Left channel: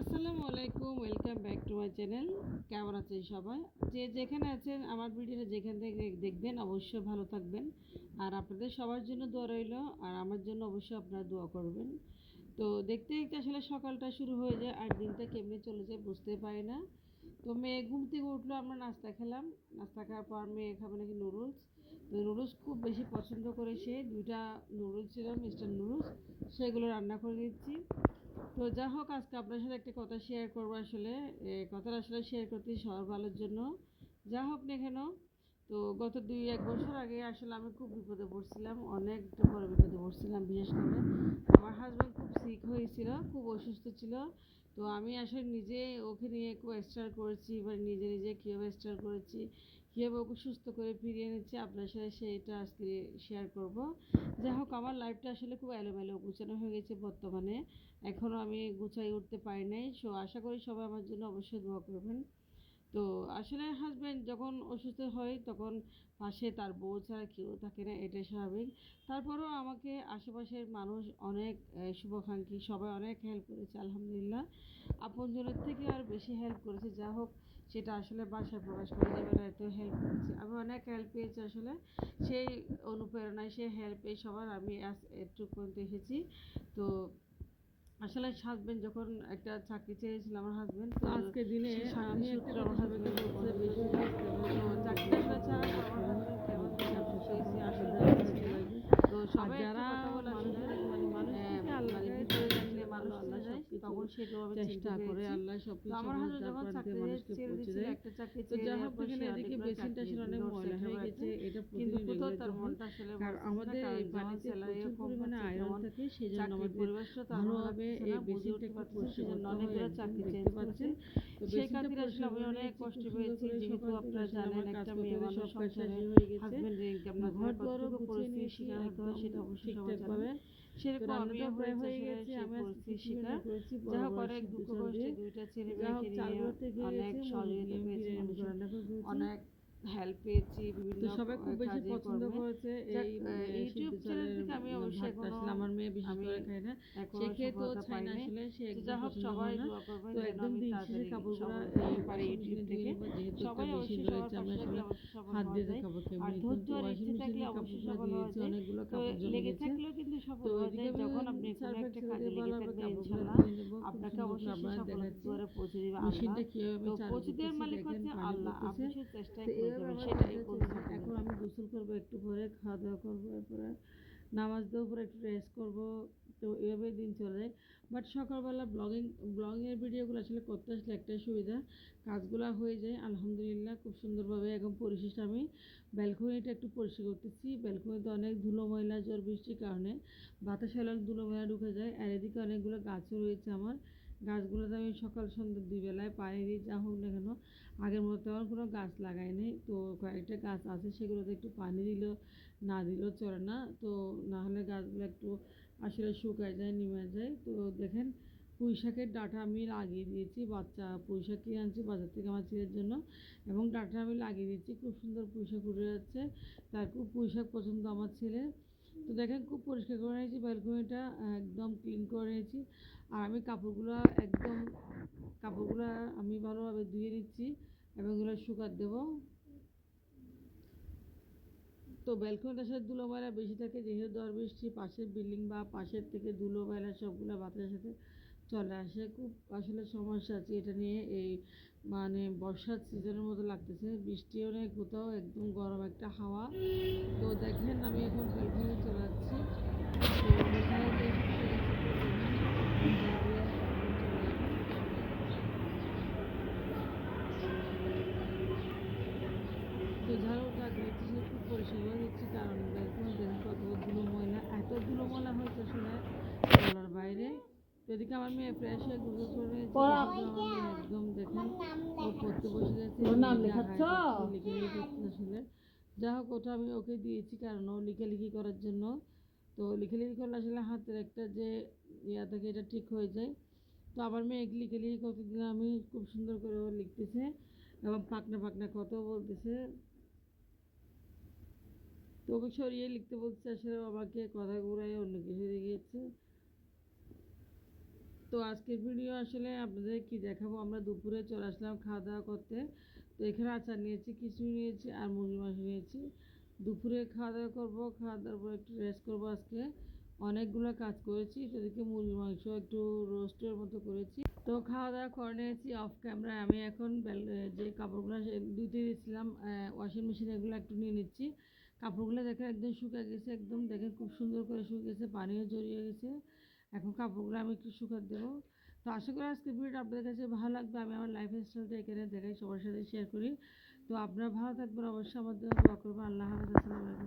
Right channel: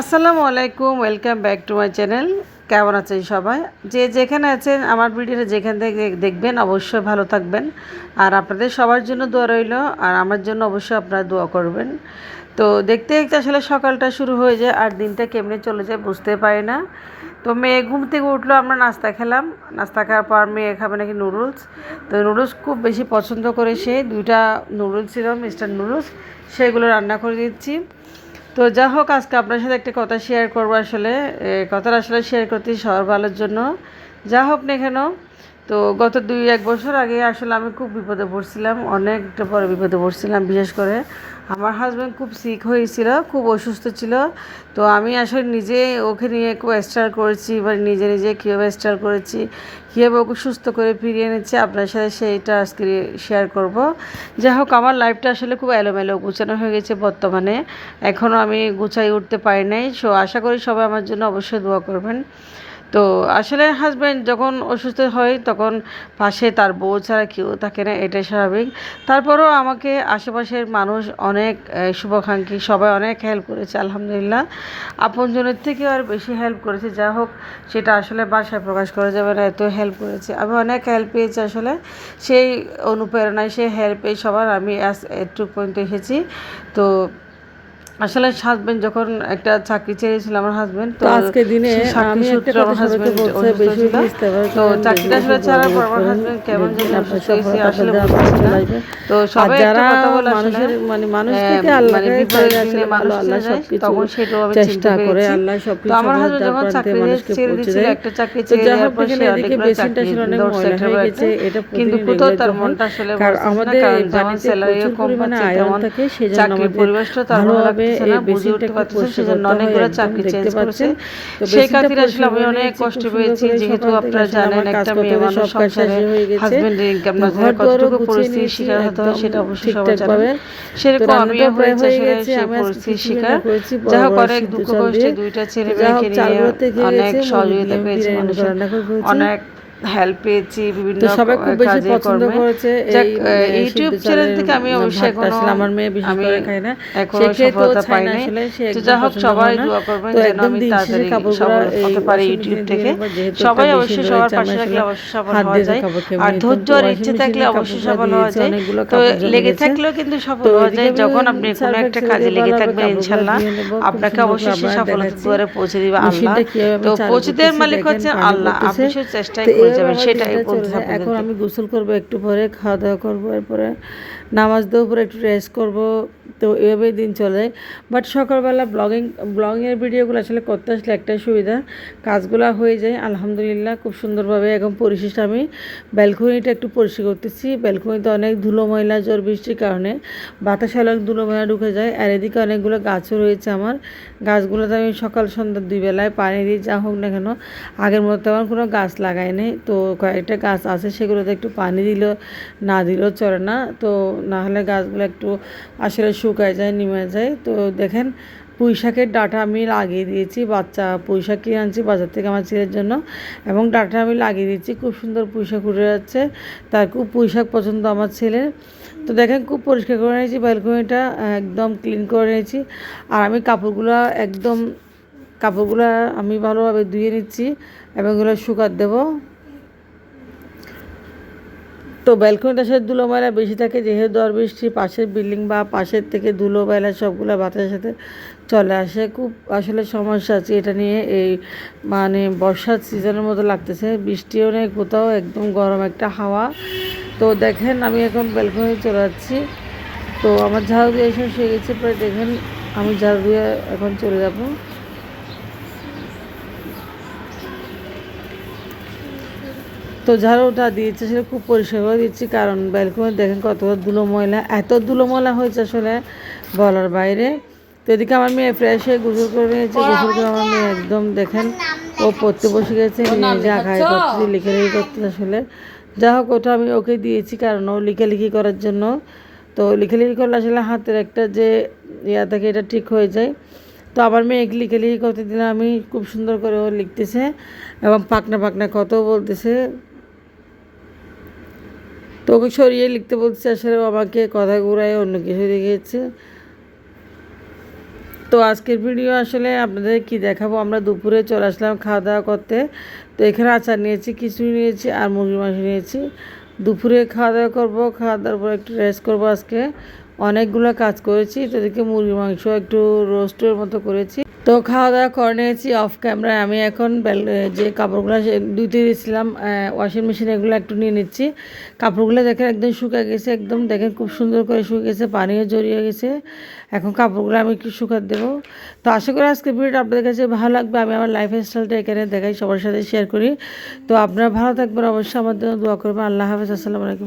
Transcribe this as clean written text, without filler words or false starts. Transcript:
আসসালামু আলাইকুম, welcome back to my channel. কেমন আছেন সবাই? যে যেখানে আছেন আমার ভিডিওটা যেখান থেকে দেখবেন অবশ্যই ভালো থাকবেন। আর আপনাদের সবার জন্য দোয়া রইল, আর আমার জন্য অবশ্যই আপনারা দোয়া করবেন। তো দেখতে দেখতে আসলে সকালটা শুরু হয়ে যায়, আর দিনটা কেমনে চলে যায় বুঝতে পারি না। তো মেয়ে ঘুম থেকে উঠলো, আমরা নাস্তা খেলাম। নাস্তা খাওয়ার পর মেয়ে খাবে নাকি নুডলস। তো নুডলস খুব বেশি পছন্দ করে সে, দুইটা নুডলস ছিল মিস্টার নুডলস, সেগুলো রান্না করে দিচ্ছি। তো যা হোক, আজকে আপনার সাথে একটা কথা শেয়ার করবো। আসলে কথাটা আসলে শেয়ার করতে সবার ভালোর জন্য, যা হোক না কেন। তো গত 2-1 বছর আগে আসলে আমি খুব বিপদে পড়ছিলাম, অনেকটা বড় বিপদে পড়ছিলাম। বিশেষ করে আমার হাজব্যান্ড খুব সিক হয়েছিল, খুব অসুস্থ ছিল। তো আমি আসলে নিজে ওকে নিয়ে খুব স্ট্রাগল করেছি, এবার নিজে নিজে কীভাবে স্ট্রাগল করেছি, কীভাবে ওকে সুস্থ করে ফিরিয়ে এনেছি, আপনার সাথে সেইটা আজকে শেয়ার করব। যাই হোক, আমার লাইফটা আসলে খুব এলোমেলো গুছানো হয়ে গেছে বর্তমানে, এখনও আমি গুছাই উঠতে পারি নাই। সো আশা করি সবাই আমার জন্য অবশ্যই দোয়া করবেন। তো আসলে হাজব্যান্ড যখন অসুস্থ হয় তখন পাশে তার বউ ছাড়া কেউ থাকে না, এটাই স্বাভাবিক। তারপরেও আমাকে আশেপাশের মানুষ অনেক শুভাকাঙ্ক্ষী সবাই অনেক হেল্প করেছে, আলহামদুলিল্লাহ। আপনজনের থেকেও আর বেশি হেল্প করেছে। যা হোক, সেটা আসলে ভাষায় প্রকাশ করা যাবে না, এত হেল্প করেছে। আমি অনেক হেল্প পেয়েছি আসলে, সেই অনুপ্রেরণায় সেই হেল্প পেয়ে সবার আমি এটুকু পর্যন্ত এসেছি। তো আসলে হাজব্যান্ড যখন একটা চাকরি ছেড়েছিল আমার হাজব্যান্ড, তো আজকে দিনে সেই চাকরি আমি একটা সূত্রে কথা আমার সবাইকে হাজব্যান্ড বলতে অসুস্থ বেশি ছিল। বেশি ইস্তেফার তো করেন, বেশি চাকরিটা বেশি আসলে ছাড়ার পর দোয়াদরুদ আমার করেন, হাজব্যান্ড কেমন দেখবেন যেন আপনার অসুস্থ হয়েছে, সফলতা আসলে আপনাদের বুঝতেছি আপনার না। চলে আসবে। তো আর সবাই একটা যারা কথা বলে আসলে, মানুষের মানুষ থেকে আল্লাহকে বিপদের চাইলে দিনে আসলে মানুষ ভালো, আল্লাহ চলে যায়, সবকিছু তখন সেটাও আমি চিনতে চেষ্টা করে, পেরেছি। আল্লাহ তো সবকিছু আমার সফলতার হাজব্যান্ড দ্বার যখন প্রান্তে চাকরি মানুষকে ছেড়ে পৌঁছে দিচ্ছিল, দেয়। একটা চাকরি তো ছেড়ে যা দেওয়ার হোক পর সে দেখেন, এদিকে অনেকগুলো বেসিনটা চাকরি আসলে অনেক ধরছে ময়লা একটা হয়ে পর একটা, গেছে, এটা কিন্তু প্রতিদিন কোথাও রেগুলার তার যখন, মনটা আসলে কারণ বসতেছে না, আমাদের কারণ এই যেমন পানিতে স্যালারিও প্রচুর কম পরিমাণে পাচ্ছে, আয়রন তেমন থাকে, সেই জন্য চাকরির আমাদের পরিবেশটাও তার ভালো ভালোভাবে লাগতেছে না, এই বুঝে বেসিনটা উঠতে একটু পারতেছে, পরিষ্কার সেজন্য করতে হয়। অনেকগুলো একদম চাকরি চেঞ্জ দেখতে করেছে। পাচ্ছেন। তো সেই বেসিনটা খাতিরে আসলে পরিষ্কার আমি করে অনেক নিয়েছি কষ্ট খুব সুন্দর পেয়েছি, করে। যেহেতু সকাল থেকে আপনারা আসলে জানেন আমার কাজ একটা করতে মেয়ে করতে মানুষ সব কাজ সংসারে শেষ হয়ে গেছে। হাজবেন্ডের ইনকাম তো না ঘর থাকলে দুয়ারও কতটুকু গুছিয়ে পরিস্থিতির নিয়েছি শিকার হতে হয় একদম সেটা অবশ্যই সবাই জানেন। ঠিকঠাকভাবে। তো সেরকম আমিও রান্নাটাও প্রায় হয়েছে হয়ে আসলে গেছে। সেই আমি আজকে পরিস্থিতির খিচুড়ি শিকার। রান্না করেছি যা বড় হোক, বড় অনেক সিদ্ধ দুঃখ চাল কষ্টে দিয়ে। দুইটা তো ছেলে যা মেয়েকে হোক, নিয়ে চালগুলো থেকে অনেক গেছে, মুরগি সহযোগিতা দিয়ে আমি পেয়েছি বিরিয়ানি করে মানুষের, রান্না করে ফেলেছি। অনেক হেল্প পেয়েছি বিভিন্ন তো সবাই খুব বেশি কাজে পছন্দ কর্মে। করেছে যাক, এই ইউটিউব সিদ্ধ চ্যানেল চালের থেকে আমি অবশ্যই ভাতটা। এখনও আসলে আমার মেয়ে বিশেষ আমি করে খায় না, সে এখনও খেতেও সফলতা চায় পাই না, নাই। আসলে সে তো একদম যা হোক, পছন্দ সবাই করে না। দোয়া করবেন তো যেন একদম আমি দিন শেষে তাড়াতাড়ি কাপড়গুলো সফল এই হতে পারি ওয়াশিং ইউটিউব মেশিনে ধুয়ে থেকে। নেবো, যেহেতু একটা সবাই মেশিন অবশ্যই সবার রয়েছে। আমি পাশে থাকলে আসলে অবশ্যই সফল হাত হওয়া দিয়ে যায়, দেখাবো আর কেমনি। তো ধৈর্য আর ওয়াশিং ইচ্ছে থাকলে মেশিনে অবশ্যই কাপড়গুলো সফল দিয়ে হওয়া দিয়েছি, যায়। অনেকগুলো তো কাপড় জমে লেগে গেছে। থাকলেও কিন্তু তো সফল হওয়া এদিকে যায়, আমি যখন আপনি কোনো সার্ফ একটা এক্সেল কাজে দিয়ে লেগে ভালোভাবে থাকবেন কাপড়গুলো ইনশাল্লাহ ধুয়ে নেবো, খুব আপনাকে সুন্দর করে অবশ্যই সে আপনারা সফলতার দেখাচ্ছি দুয়ারে পৌঁছে দিবে আল্লাহ। মেশিনটা কীভাবে তো আমি চালু পৌঁছে দেওয়ার করতেছি। মালিক দেখেন হচ্ছে পানি আল্লাহ, পড়তেছে। আপনি শুধু চেষ্টাই তো করে এইভাবে যাবেন, আমার সেটাই দিনটা চলে বলতে যায়। এখন আপনাদেরকে। আমি গোসল করবো একটু পরে, খাওয়া দাওয়া করবো, এরপরে নামাজ দেওয়ার পরে একটু রেস্ট করবো। তো এভাবেই দিন চলে যায়। বাট সকালবেলা ব্লগিংয়ের ভিডিওগুলো আসলে করতে আসলে একটাই সুবিধা, কাজগুলো হয়ে যায় আলহামদুলিল্লাহ খুব সুন্দরভাবে। এখন পরিশেষে আমি ব্যালকনিটা একটু পরিষ্কার করতেছি। ব্যালকনিতে অনেক ধুলো ময়লা, ঝড় বৃষ্টির কারণে বাতাসে অনেক ধুলো ময়লা ঢুকে যায়। আর এদিকে অনেকগুলো গাছও রয়েছে আমার, গাছগুলোতে আমি সকাল সন্ধ্যা 2 বেলায় পানি দিই। যা হোক না কেন, আগের মতো তেমন কোনো গাছ লাগাই নেই। তো কয়েকটা গাছ আছে, সেগুলোতে একটু পানি দিলেও না দিলেও চলে না। তো না হলে গাছগুলো একটু আসলে শুকায় যায়, নিমে যায়। তো দেখেন, পুঁই শাকের ডাঁটা আমি লাগিয়ে দিয়েছি, বাচ্চা পুঁই শাক কিনে আনছি বাজার থেকে আমার ছেলের জন্য, এবং ডাঁটা আমি লাগিয়ে দিয়েছি। খুব সুন্দর পুঁই শাক উঠে যাচ্ছে, তার খুব পুঁই শাক পছন্দ আমার ছেলের। তো দেখেন, খুব পরিষ্কার করে নিয়েছি ব্যালকনিটা, একদম ক্লিন করে নিয়েছি। আর আমি কাপড়গুলো আমি ভালোভাবে ধুয়ে নিচ্ছি এবং এগুলো শুকাতে দেবো। তো ব্যালকনিটা সে ধুলো ময়লা বেশি থাকে, যেহেতু ঝড় বৃষ্টি, পাশের বিল্ডিং বা পাশের থেকে ধুলো ময়লা সবগুলো বাতাসের সাথে চলে আসে। খুব আসলে সমস্যা আছে এটা নিয়ে। এই মানে বর্ষার সিজনের মতো লাগতেছে, বৃষ্টিও নেই কোথাও, একদম গরম একটা হাওয়া। তো দেখেন, আমি এখন ব্যালকনি চলে যাচ্ছি। তো আমার ঝাড়ু দিয়ে শেষ হয়ে গেছে প্রায়। দেখেন, আমি ঝাড়ু দিয়ে এখন চলে যাব। তো ঝাড়ুটা দিয়েছে সেটা খুব পরিষ্কার করে দিচ্ছি, কারণ ব্যালকনি দেখেন কত ধুলো ময়লা, এত ধুলো ময়লা হয়েছে আসলে বলার বাইরে। তো এদিকে আমার মেয়ে ফ্রেশ হয়ে গোসল করে নিয়েছে। গোসল করে আমার মেয়ে একদম দেখেন, ও পড়তে বসে গেছে, নিজে আঁকাই করতেছে, লিখালেখি করতেছে আসলে। যা হোক, ওটা আমি ওকে দিয়েছি কারণ ও লিখালেখি করার জন্য। তো লিখালেখি করলে আসলে হাতের একটা যে ইয়া থাকে, এটা ঠিক হয়ে যায়। তো আবার মেয়েকে লিখালেখি করতে দিলাম আমি, খুব সুন্দর করে ও লিখতেছে এবং পাকনা পাকনা কথাও বলতেছে। তো ওকে সরিয়ে লিখতে বলছে, আসলে আমাকে কথা ঘুরায় অন্য কিছু দেখিয়েছে। তো তো আজকের ভিডিও আসলে আপনাদের কি দেখাবো, আমরা দুপুরে চলে আসলাম খাওয়া দাওয়া করতে। তো এখানে আচার নিয়েছি, খিচুড়ি নিয়েছি আর মুরগির মাংস নিয়েছি। দুপুরে খাওয়া দাওয়া করবো, খাওয়া দাওয়ার পর একটু রেস্ট করবো। আজকে অনেকগুলো কাজ করেছি, তো দেখি মুরগির মাংস একটু রোস্টের মতো করেছি। তো খাওয়া দাওয়া করে নিয়েছি অফ ক্যামেরায়। আমি এখন যে কাপড়গুলো ধুতে দিয়েছিলাম ওয়াশিং মেশিনে, এগুলো একটু নিয়ে নিচ্ছি। কাপড়গুলো দেখেন একদম শুকিয়ে গেছে, একদম দেখেন খুব সুন্দর করে শুকিয়ে গেছে, পানিও জড়িয়ে গেছে। এখন কাপড়গুলো আমি একটু শুকাতে দেবো। তো আশা করি আজকে ভিডিওটা আপনাদের কাছে ভালো লাগবে। আমি আমার লাইফ স্টাইলটা এখানে দেখাই, সবার সাথে শেয়ার করি। তো আপনারা ভালো থাকবেন, অবশ্যই আমার জন্য দোয়া করবেন। আল্লাহ হাফেজ, আসসালামু আলাইকুম।